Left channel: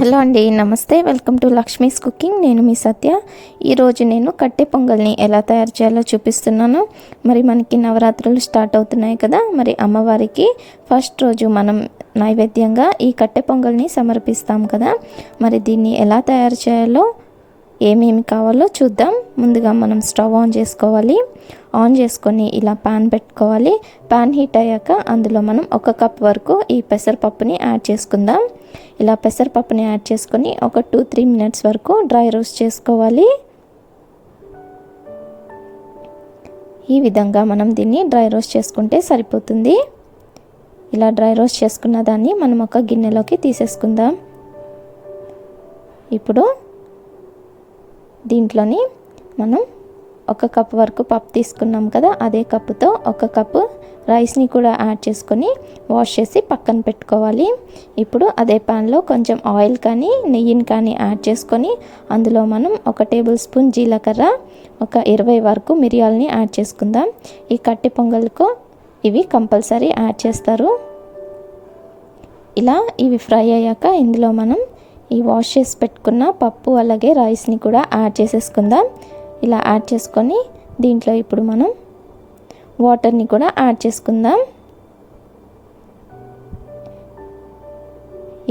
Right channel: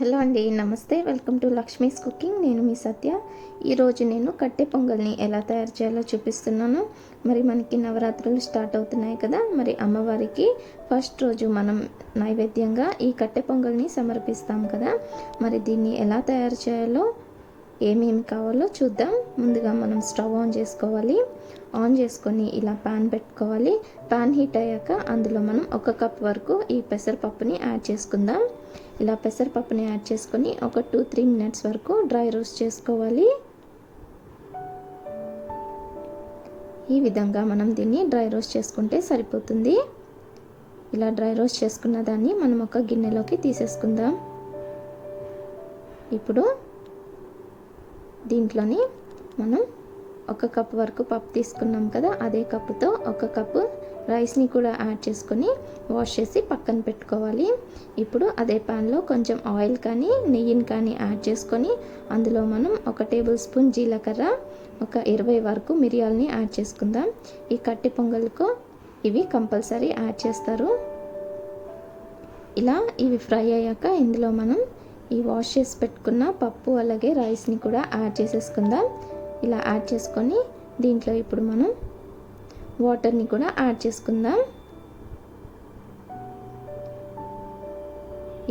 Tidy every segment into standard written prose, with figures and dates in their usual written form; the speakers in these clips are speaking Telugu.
హలో అండి, నమస్తే. Welcome to Lakshmi's cooking. నేను మీ సత్య. ఈరోజు నేను కట్టె పొంగల్ని ఎలా తయారు చేయాలో చూపిస్తున్నాను. మరి మనకి నవరాత్రులు స్టార్ట్ అవుతున్నాయి కదా. మరి అమ్మవారికి ఫస్ట్ రోజు మనం నైవేద్యంగా ఈ కట్టె పొంగల్ని సమర్పిస్తాం కదా. మరి దీన్ని ఎలా తయారు చేయాలో, ఏమేమి కావాలో చూద్దాం. ముందుగా మనం స్టవ్ ఆన్ చేసుకోవాలి. ఆన్ చేసుకొని ఇలా ప్యాన్ పెట్టుకోవాలి. ప్యాన్ హీట్ అయ్యాక అందులో మనం 1 కప్ వరకు ఈ పెసరపప్పుని యాడ్ చేసుకుందాం. ఇలా పెసరపప్పుని యాడ్ చేసుకొని ఒక 2-3 మినిట్స్ వరకు డ్రై రోస్ట్ చేసుకోవాలి. ఈ విధంగా మనం దీన్ని డ్రై రోస్ట్ చేసుకుంటే సరిపోతుంది. ఇలా డ్రై రోస్ట్ చేసుకున్న దాన్ని మనం ఒక గిన్నెలోకి తీసేసుకుందాం. ఇప్పుడు దీంట్లోని మనం 1 కప్ వరకు పప్పు తీసుకున్నాం కదా, అదే కప్పుతో 1 కప్పు రైస్ని కూడా యాడ్ చేసుకొని వాష్ చేసి పక్కన పెట్టుకోవాలి. ఇప్పుడు అదే ప్యాన్లో కొంచెం ఆయిల్ కానీ నెయ్యిని కానీ యాడ్ చేసుకొని అందులో మనం 1 టేబుల్ స్పూన్ జీలకర్ర, ఒక 20 వరకు మిరియాలని యాడ్ చేసుకుందాం. ఈ కట్టె పొంగల్కు ఇవి కంపల్సరీ యాడ్ చేస్తారు. ఇలా ఇవి ఫ్రై అయ్యాక ఇందులో మనం ఈ వాష్ చేసి పెట్టుకున్న పప్పు అలాగే రైస్ని కూడా యాడ్ చేసేసుకుందాం. ఇలా యాడ్ చేసుకొని దీంట్లో ఇప్పుడు మనం వాటర్ని కూడా యాడ్ చేసుకుందాం.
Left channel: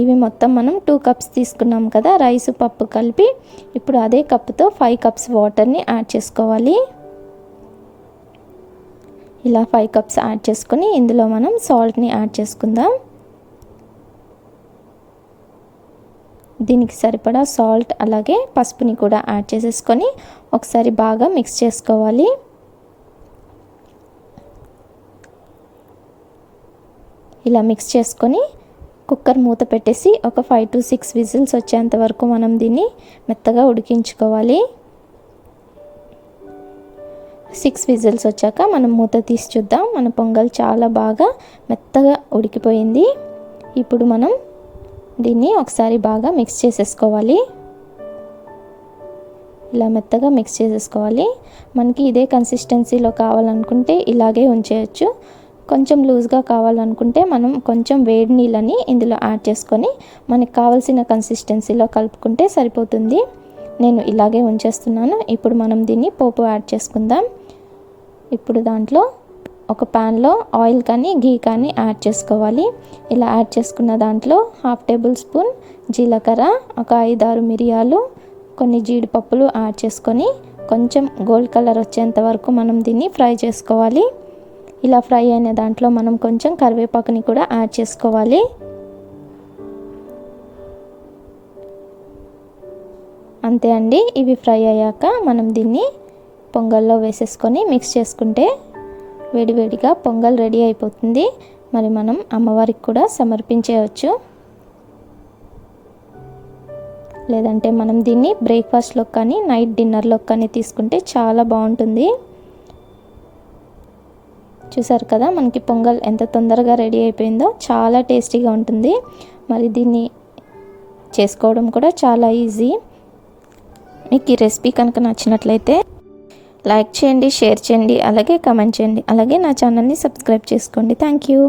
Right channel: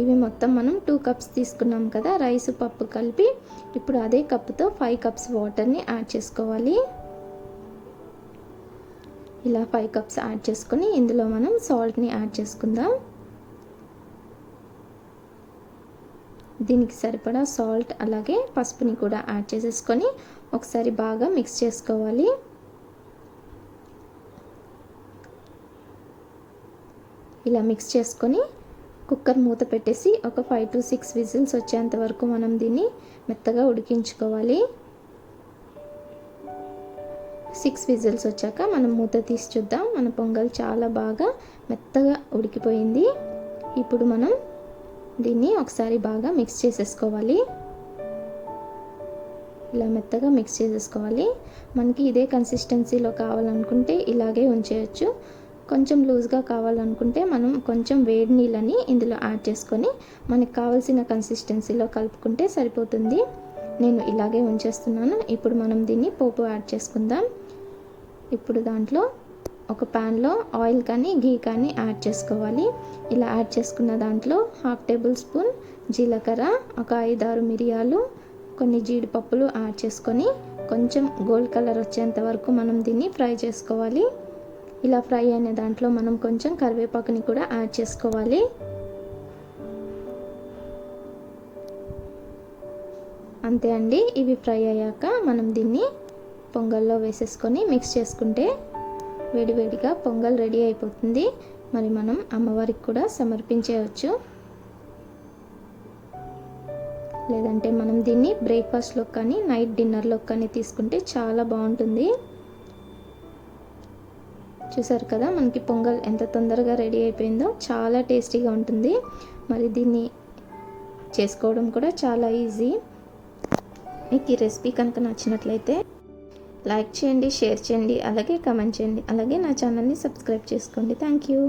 ఇవి మొత్తం మనం 2 కప్స్ తీసుకున్నాం కదా రైస్ పప్పు కలిపి. ఇప్పుడు అదే కప్పుతో 5 కప్స్ వాటర్ని యాడ్ చేసుకోవాలి. ఇలా 5 కప్స్ యాడ్ చేసుకొని ఇందులో మనం సాల్ట్ని యాడ్ చేసుకుందాం. దీనికి సరిపడా సాల్ట్ అలాగే పసుపుని కూడా యాడ్ చేసేసుకొని ఒకసారి బాగా మిక్స్ చేసుకోవాలి. ఇలా మిక్స్ చేసుకొని కుక్కర్ మూత పెట్టేసి ఒక 5 to 6 విజిల్స్ వచ్చేంత వరకు మనం దీన్ని మెత్తగా ఉడికించుకోవాలి. 6 విజిల్స్ వచ్చాక మనం మూత తీసి చూద్దాం. మన పొంగల్ చాలా బాగా మెత్తగా ఉడికిపోయింది. ఇప్పుడు మనం దీన్ని ఒకసారి బాగా మిక్స్ చేసేసుకోవాలి. ఇలా మెత్తగా మిక్స్ చేసేసుకోవాలి. మనకి ఇదే కన్సిస్టెన్సీలో కావాలనుకుంటే ఇలాగే ఉంచేయచ్చు. కొంచెం లూజ్గా కావాలనుకుంటే మనం కొంచెం వేడి నీళ్ళని ఇందులో యాడ్ చేసుకొని మనకు కావాల్సిన కన్సిస్టెన్సీలో కలుపుకుంటే సరిపోతుంది. నేను ఇలాగే ఉంచేస్తున్నాను. ఇప్పుడు మనం దీన్ని పోపు యాడ్ చేసుకుందాం. ఇప్పుడు దాంట్లో ఒక ప్యాన్లో ఆయిల్ కానీ ఘీ కానీ యాడ్ చేసుకోవాలి. ఇలా యాడ్ చేసుకున్న దాంట్లో 1/2 టేబుల్ స్పూన్ జీలకర్ర, ఒక 5-6 మిరియాలు, కొన్ని జీడిపప్పులు యాడ్ చేసుకొని కొంచెం గోల్డ్ కలర్ వచ్చేంత వరకు మనం దీన్ని ఫ్రై చేసుకోవాలి. ఇలా ఫ్రై అయిన దాంట్లో మనం కొంచెం కరివేపాకుని కూడా యాడ్ చేసుకోవాలి. అంతే అండి. ఇవి ఫ్రై అయ్యాక మనం దీన్ని పొంగల్లో వేసేసుకొని మిక్స్ చేసుకుంటే వేడివేడిగా పొంగల్ రెడీ అయిపోతుంది. మరి మనం అమ్మవారికి కూడా సమర్పించేయవచ్చు. లేదంటే మనం దీన్ని బ్రేక్ఫాస్ట్లో కానీ నైట్ డిన్నర్లో కానీ తీసుకుంటే చాలా బాగుంటుంది. చూసారు కదా మనకి పొంగల్ ఎంత తొందరగా రెడీ అయిపోయిందో. చాలా టేస్టీగా ఉంటుంది. మరి దీన్ని చేసుకోవడం కూడా చాలా ఈజీ. మీకు ఈ రెసిపీ కనుక నచ్చినట్లయితే లైక్ చేయండి, షేర్ చేయండి, అలాగే కమెంట్ చేయండి. అలాగే నా ఛానల్ని సబ్స్క్రైబ్ చేసుకోండి. Thank you.